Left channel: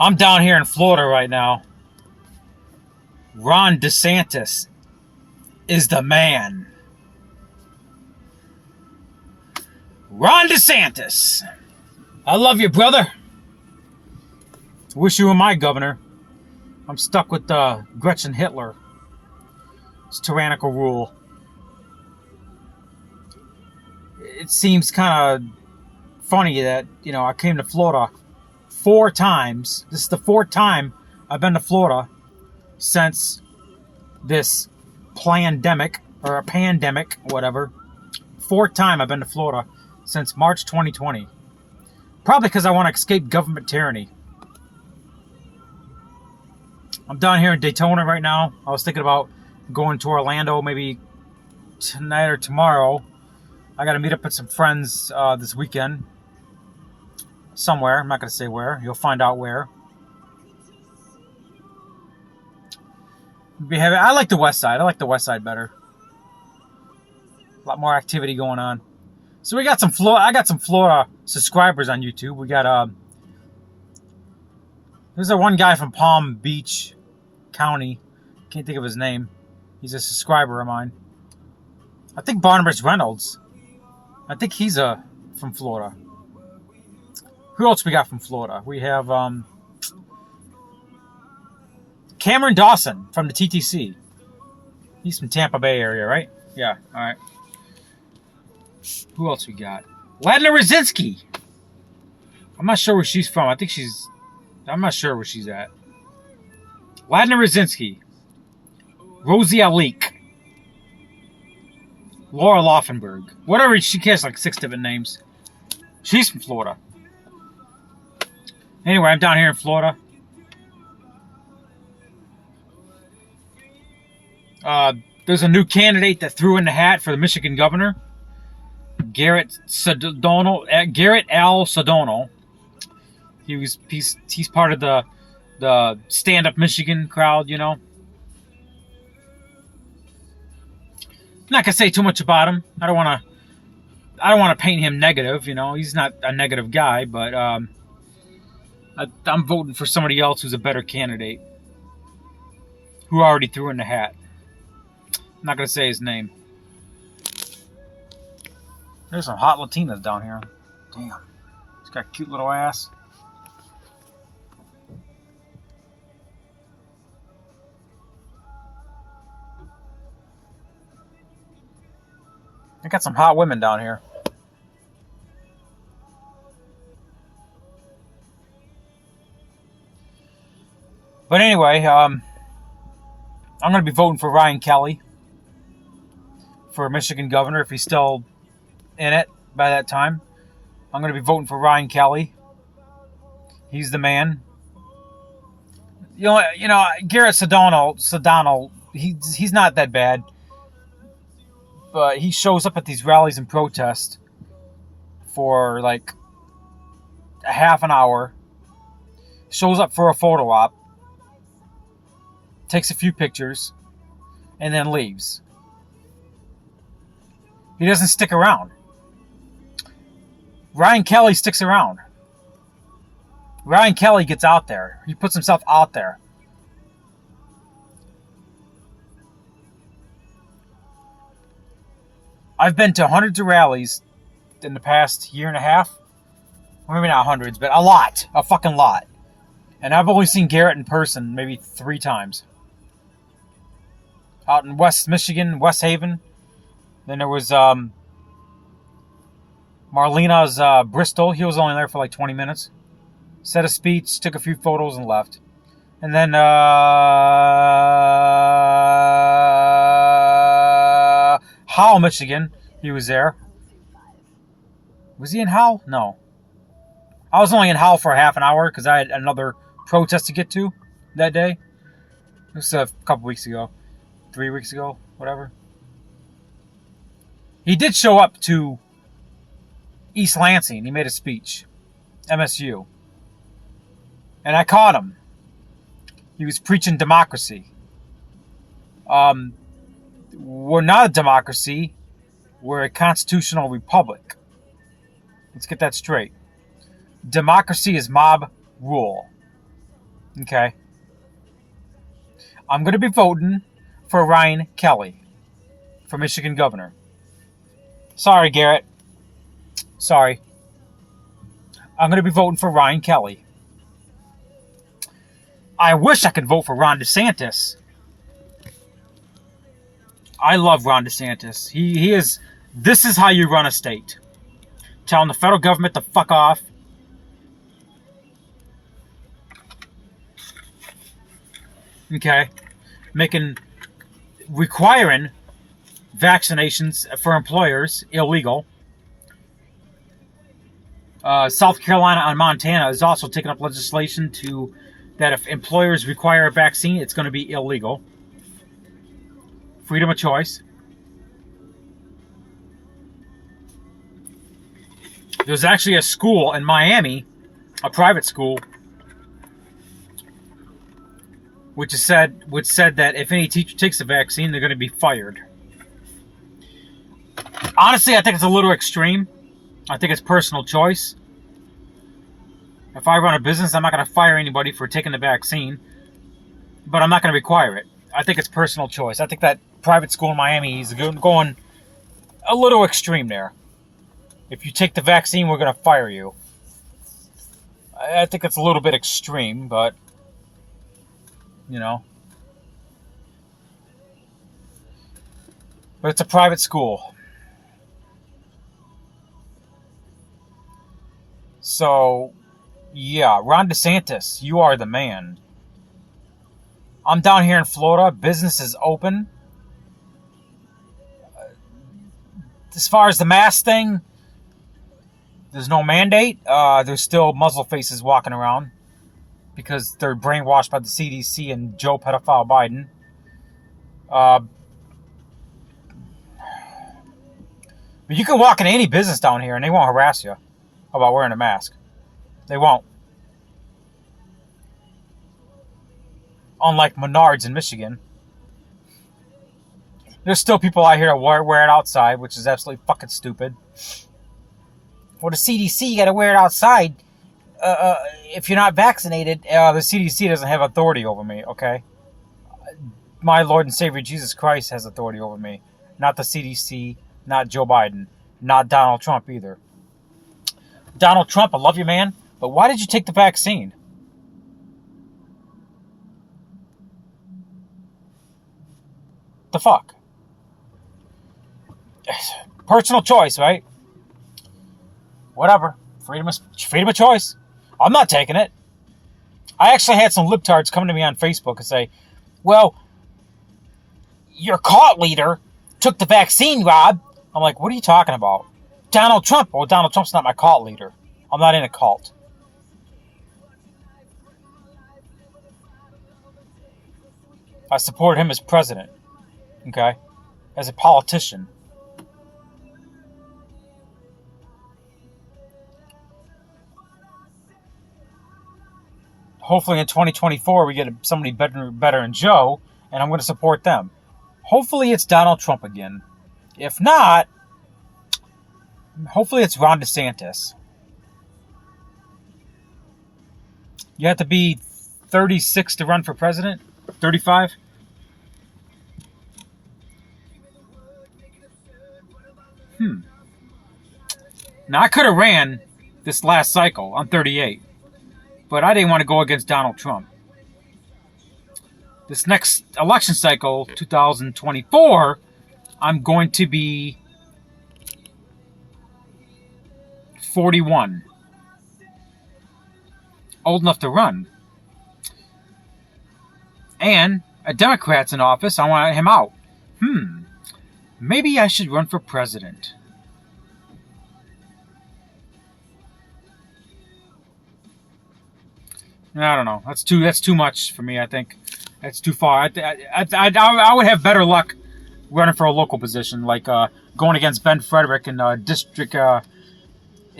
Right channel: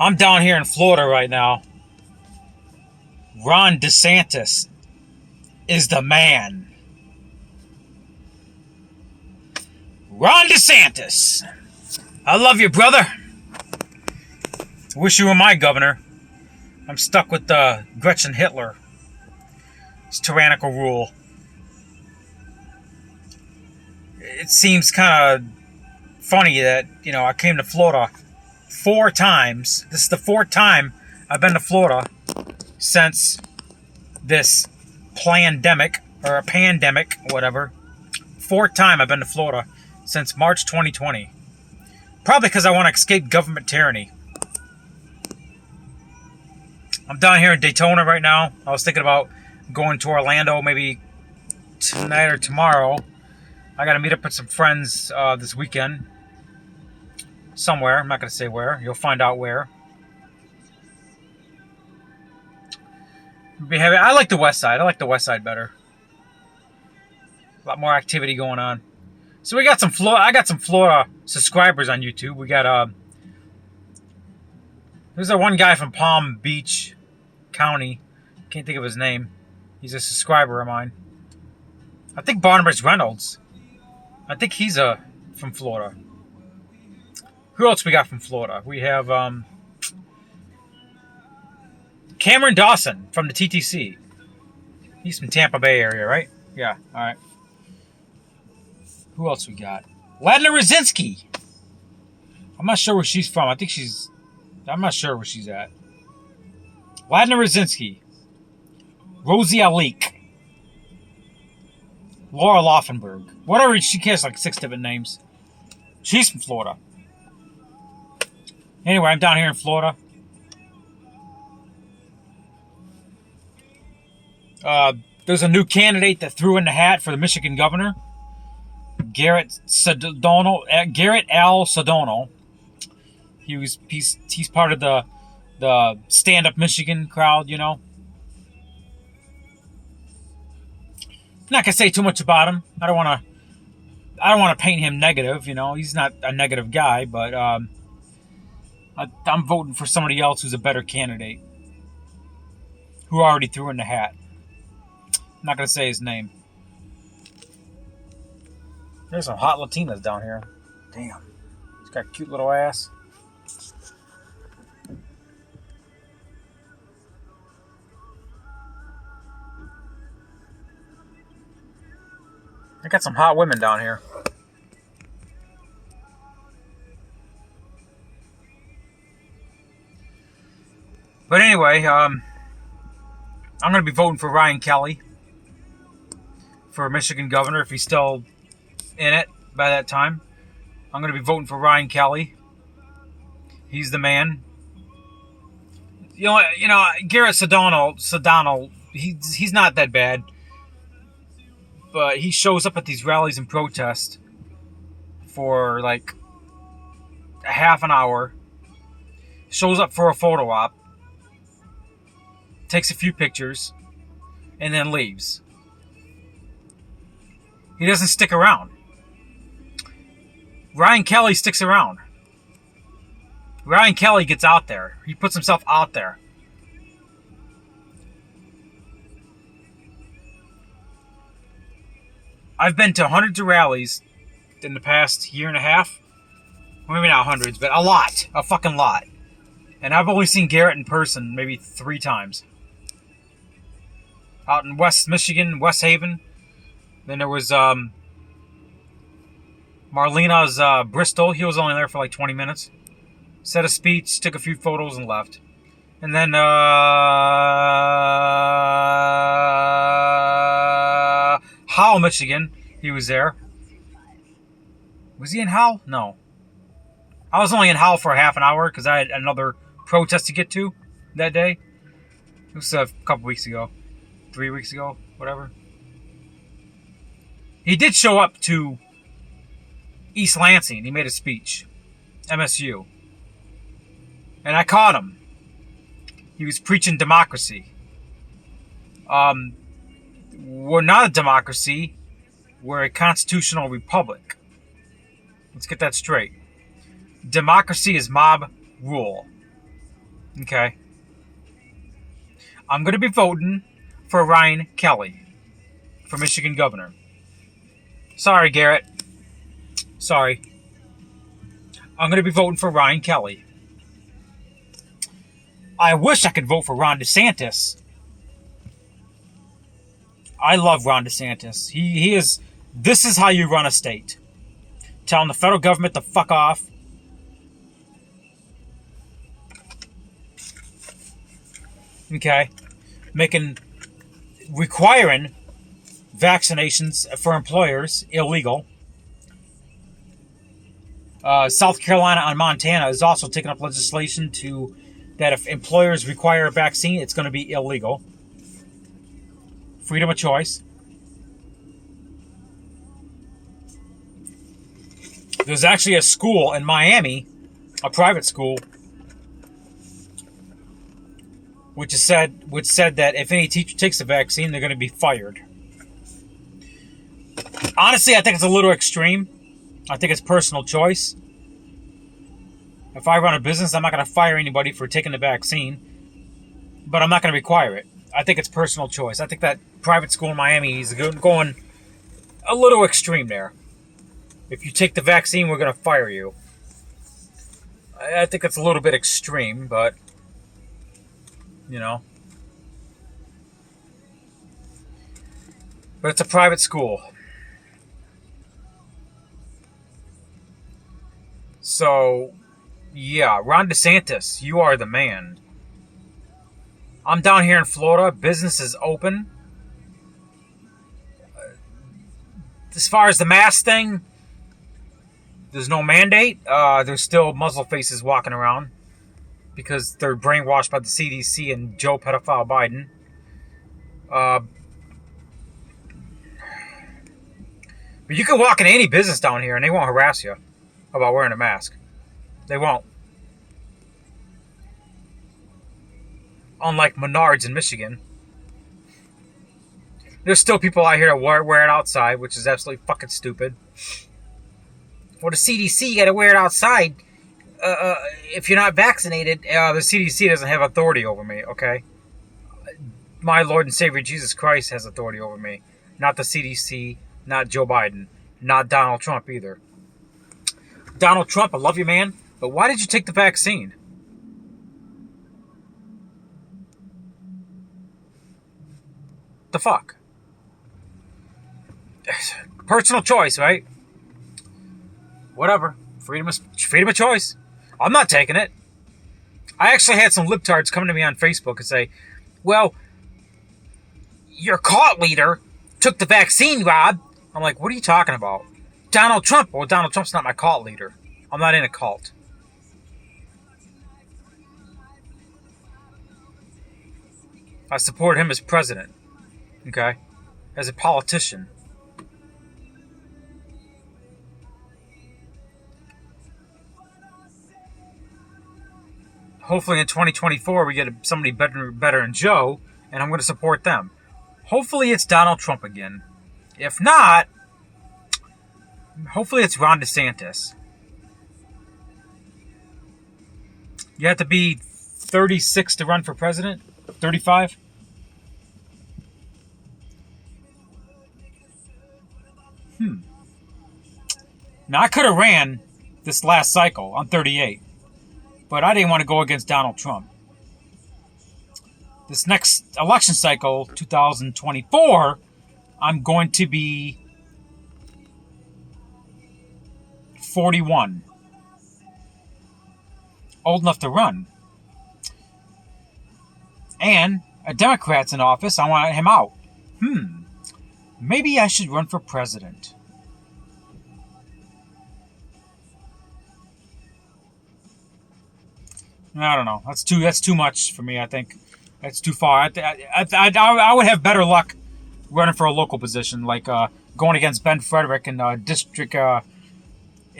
I'm down here in Florida right now. Ron DeSantis is the man. Ron DeSantis. I love you, brother. Wish you were my governor. I'm stuck with Gretchen Hitler. It's tyrannical rule. It seems kind of funny that, I came to Florida 4 times. This is the 4th time I've been to Florida since this pandemic, or a pandemic, whatever. 4th time I've been to Florida since March 2020. Probably because I want to escape government tyranny. I'm down here in Daytona right now. I was thinking about going to Orlando maybe tonight or tomorrow. I got to meet up with some friends this weekend. Somewhere. I'm not going to say where. You'll find out where. I like the west side. I like the west side better. A lot more activity going on. So we got some I got some Florida subscribers on YouTube. We got there's that one guy from Palm Beach County. Can't think of his name. He's a subscriber of mine. I think Barnabas Reynolds. I think he's from Florida. Who else we got from Florida? We have Cameron Dawson from the TTC. He's from Tampa Bay area, right? Yeah, all right. Who else we got? Ladna Rosinski. I'm not sure where she's from. I'm not sure where she's at. Ladna Rosinski. Rosie Alik. Laura Laufenberg. Whatever, she has like 6 different names. She's from Florida. Anyway, I'm down here in Florida. There's a new candidate that threw in the hat for the Michigan governor. Garrett Al Sedano. He's part of the Stand Up Michigan crowd, I'm not gonna say too much about him. I don't want to paint him negative. He's not a negative guy, but I'm voting for somebody else who's a better candidate, who already threw in the hat. I'm not gonna say his name. There's some hot Latinas down here. Damn, she's got a cute little ass. I got some hot women down here. But anyway, I'm going to be voting for Ryan Kelly for Michigan governor if he's still in it by that time. I'm going to be voting for Ryan Kelly. He's the man. Garrett Sedano, he's not that bad. But he shows up at these rallies and protests for like a half an hour. Shows up for a photo op. Takes a few pictures. And then leaves. He doesn't stick around. Ryan Kelly sticks around. Ryan Kelly gets out there. He puts himself out there. I've been to hundreds of rallies in the past year and a half. Well, maybe not hundreds, but a lot. A fucking lot. And I've only seen Garrett in person maybe 3 times. Out in West Michigan, West Haven. Then there was Marlena's Bristol. He was only there for like 20 minutes. Said a speech, took a few photos, and left. And then Howell, Michigan. He was there. Was he in Howell? No. I was only in Howell for a half an hour because I had another protest to get to that day. It was a couple weeks ago. 3 weeks ago. Whatever. He did show up to East Lansing. He made a speech. MSU. And I caught him. He was preaching democracy. We're not a democracy. We're a constitutional republic. Let's get that straight. Democracy is mob rule. Okay. I'm going to be voting for Ryan Kelly for Michigan governor. Sorry, Garrett. Sorry. I'm going to be voting for Ryan Kelly. I wish I could vote for Ron DeSantis. I love Ron DeSantis. He is. This is how you run a state. Telling the federal government to fuck off. Okay. Requiring vaccinations for employers illegal. South Carolina and Montana is also taking up legislation that if employers require a vaccine, it's going to be illegal. Freedom of choice. There's actually a school in Miami, a private school, which said that if any teacher takes a vaccine, they're going to be fired. Honestly, I think it's a little extreme. I think it's personal choice. If I run a business, I'm not going to fire anybody for taking the vaccine, but I'm not going to require it. I think it's personal choice. I think that private school in Miami is going a little extreme there. If you take the vaccine, we're going to fire you. I think it's a little bit extreme, but, But it's a private school. So, yeah, Ron DeSantis, you are the man. I'm down here in Florida. Business is open. As far as the mask thing, there's no mandate. There's still muzzle faces walking around because they're brainwashed by the CDC and Joe pedophile Biden. But you can walk into any business down here and they won't harass you about wearing a mask. They won't. Unlike Menards in Michigan. There's still people out here that wear it outside, which is absolutely fucking stupid. Well, the CDC, you gotta wear it outside. If you're not vaccinated, the CDC doesn't have authority over me, okay? My Lord and Savior Jesus Christ has authority over me. Not the CDC, not Joe Biden, not Donald Trump either. Donald Trump, I love you, man, but why did you take the vaccine? The fuck? Personal choice, right? Whatever. Freedom of choice. I'm not taking it. I actually had some libtards come to me on Facebook and say, well, your cult leader took the vaccine, Rob. I'm like, what are you talking about? Donald Trump. Well, Donald Trump's not my cult leader. I'm not in a cult. I support him as president. Okay? As a politician. Hopefully in 2024 we get somebody better than Joe, and I'm going to support them. Hopefully it's Donald Trump again. If not, hopefully it's Ron DeSantis. You have to be 36 to run for president? 35? Now, I could have ran this last cycle on 38, but I didn't want to go against Donald Trump. This next election cycle, 2024, I'm going to be 41. Old enough to run. And a Democrat's in office, I want him out. Maybe I should run for president. I don't know. That's too much for me, I think. That's too far. I would have better luck running for a local position, like going against Ben Frederick in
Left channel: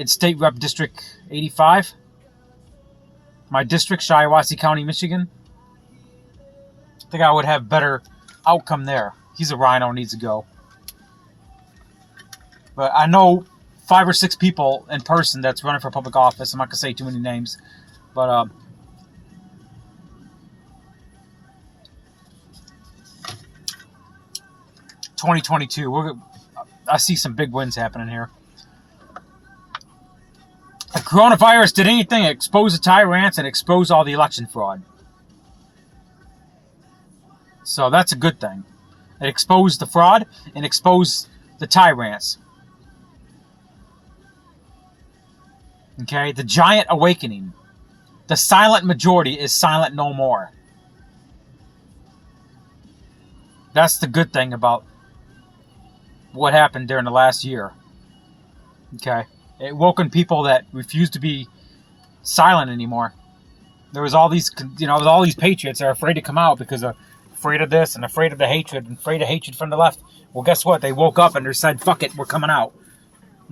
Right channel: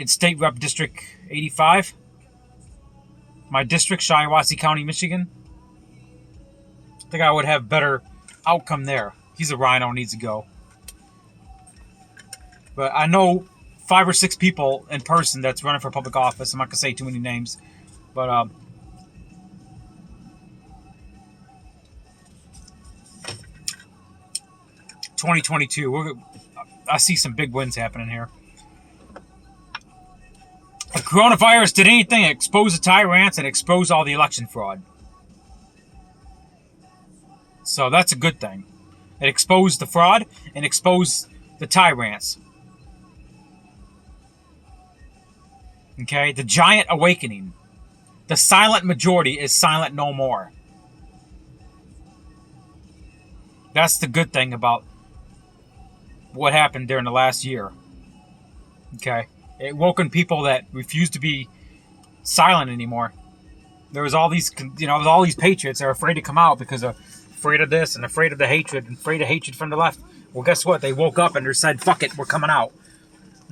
State Rep District 85. My district, Shiawassee County, Michigan. I think I would have better outcome there. He's a rhino, needs to go. But I know 5 or 6 people in person that's running for public office. I'm not going to say too many names. But 2022. I see some big wins happening here. The coronavirus did anything to expose the tyrants and expose all the election fraud. So that's a good thing. It exposed the fraud and exposed the tyrants. Okay? The giant awakening. The silent majority is silent no more. That's the good thing about what happened during the last year. Okay? It woken people that refused to be silent anymore. There was all these, all these patriots that are afraid to come out because of afraid of this and afraid of the hatred and afraid of hatred from the left. Well, guess what? They woke up and they said, fuck it, we're coming out.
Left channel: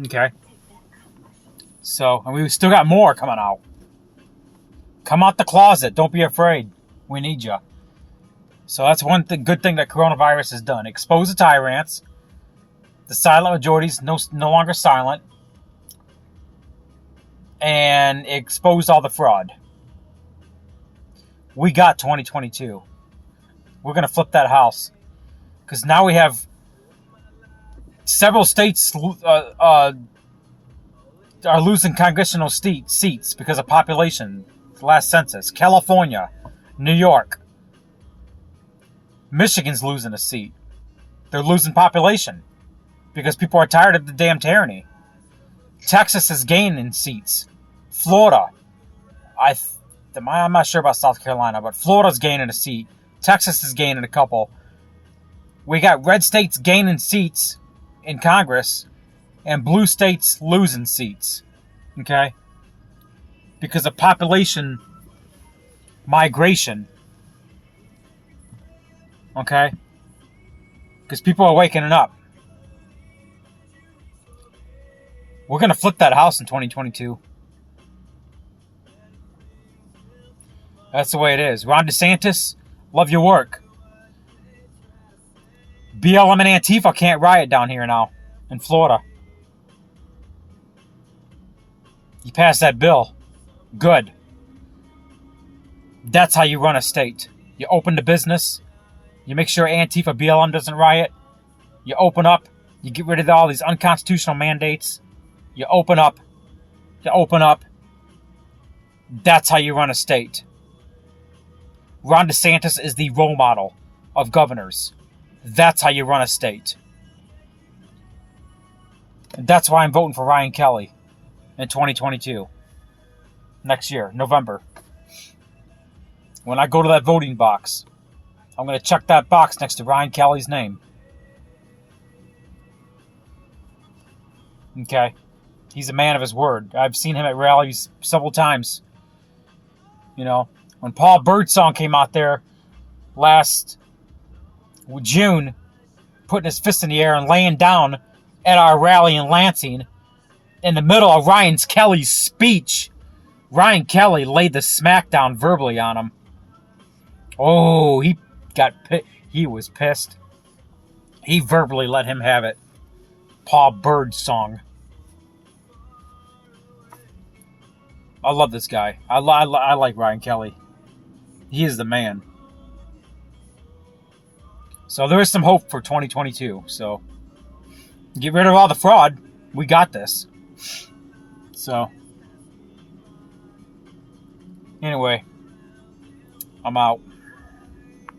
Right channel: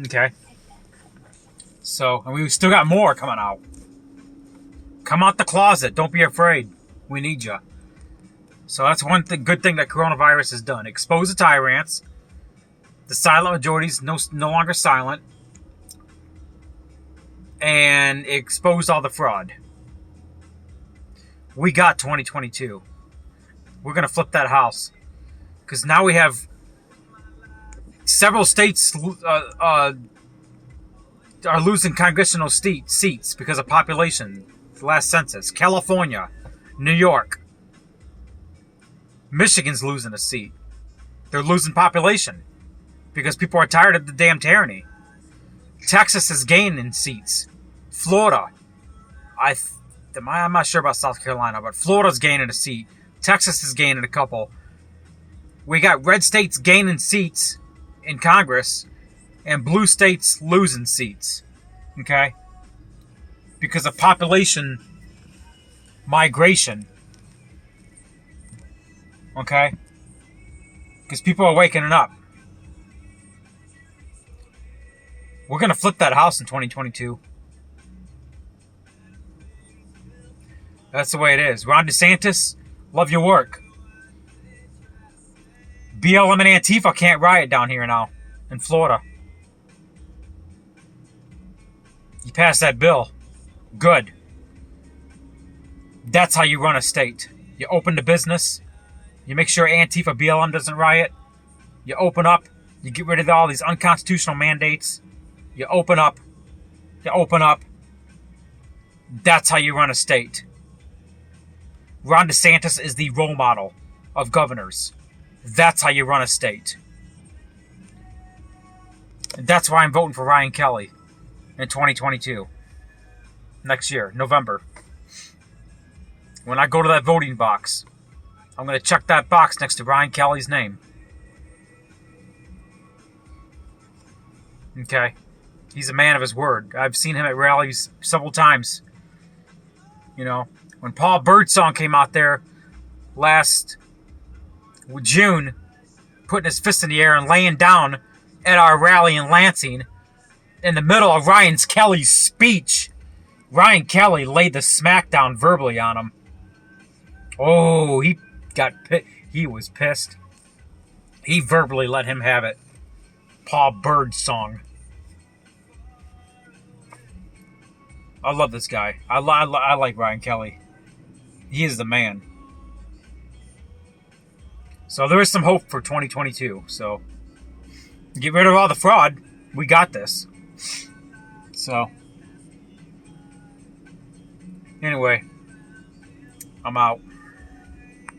Okay? So, and we still got more coming out. Come out the closet. Don't be afraid. We need you. So that's one good thing that coronavirus has done. Expose the tyrants. The silent majorities no longer silent. And exposed all the fraud. We got 2022. We're going to flip that house. Because now we have several states are losing congressional seats because of population. The last census. California. New York. Michigan's losing a seat. They're losing population. Because people are tired of the damn tyranny. Texas is gaining seats. Florida. I'm not sure about South Carolina, but Florida's gaining a seat. Texas is gaining a couple. We got red states gaining seats in Congress and blue states losing seats. Okay? Because of population migration. Okay? Because people are waking up. We're going to flip that house in 2022. That's the way it is. Ron DeSantis, love your work. BLM and Antifa can't riot down here now in Florida. You passed that bill. Good. That's how you run a state. You open the business. You make sure Antifa, BLM doesn't riot. You open up. You get rid of all these unconstitutional mandates. You open up. You open up. That's how you run a state. Ron DeSantis is the role model of governors. That's how you run a state. And that's why I'm voting for Ryan Kelly in 2022. Next year, November. When I go to that voting box, I'm going to check that box next to Ryan Kelly's name. Okay? He's a man of his word. I've seen him at rallies several times. You know, when Paul Birdsong came out there last June, putting his fist in the air and laying down at our rally in Lansing, in the middle of Ryan Kelly's speech, Ryan Kelly laid the smackdown verbally on him. Oh, he was pissed. He verbally let him have it. Paul Birdsong. I love this guy. I like Ryan Kelly. He is the man. So there is some hope for 2022. So get rid of all the fraud. We got this. So anyway, I'm out.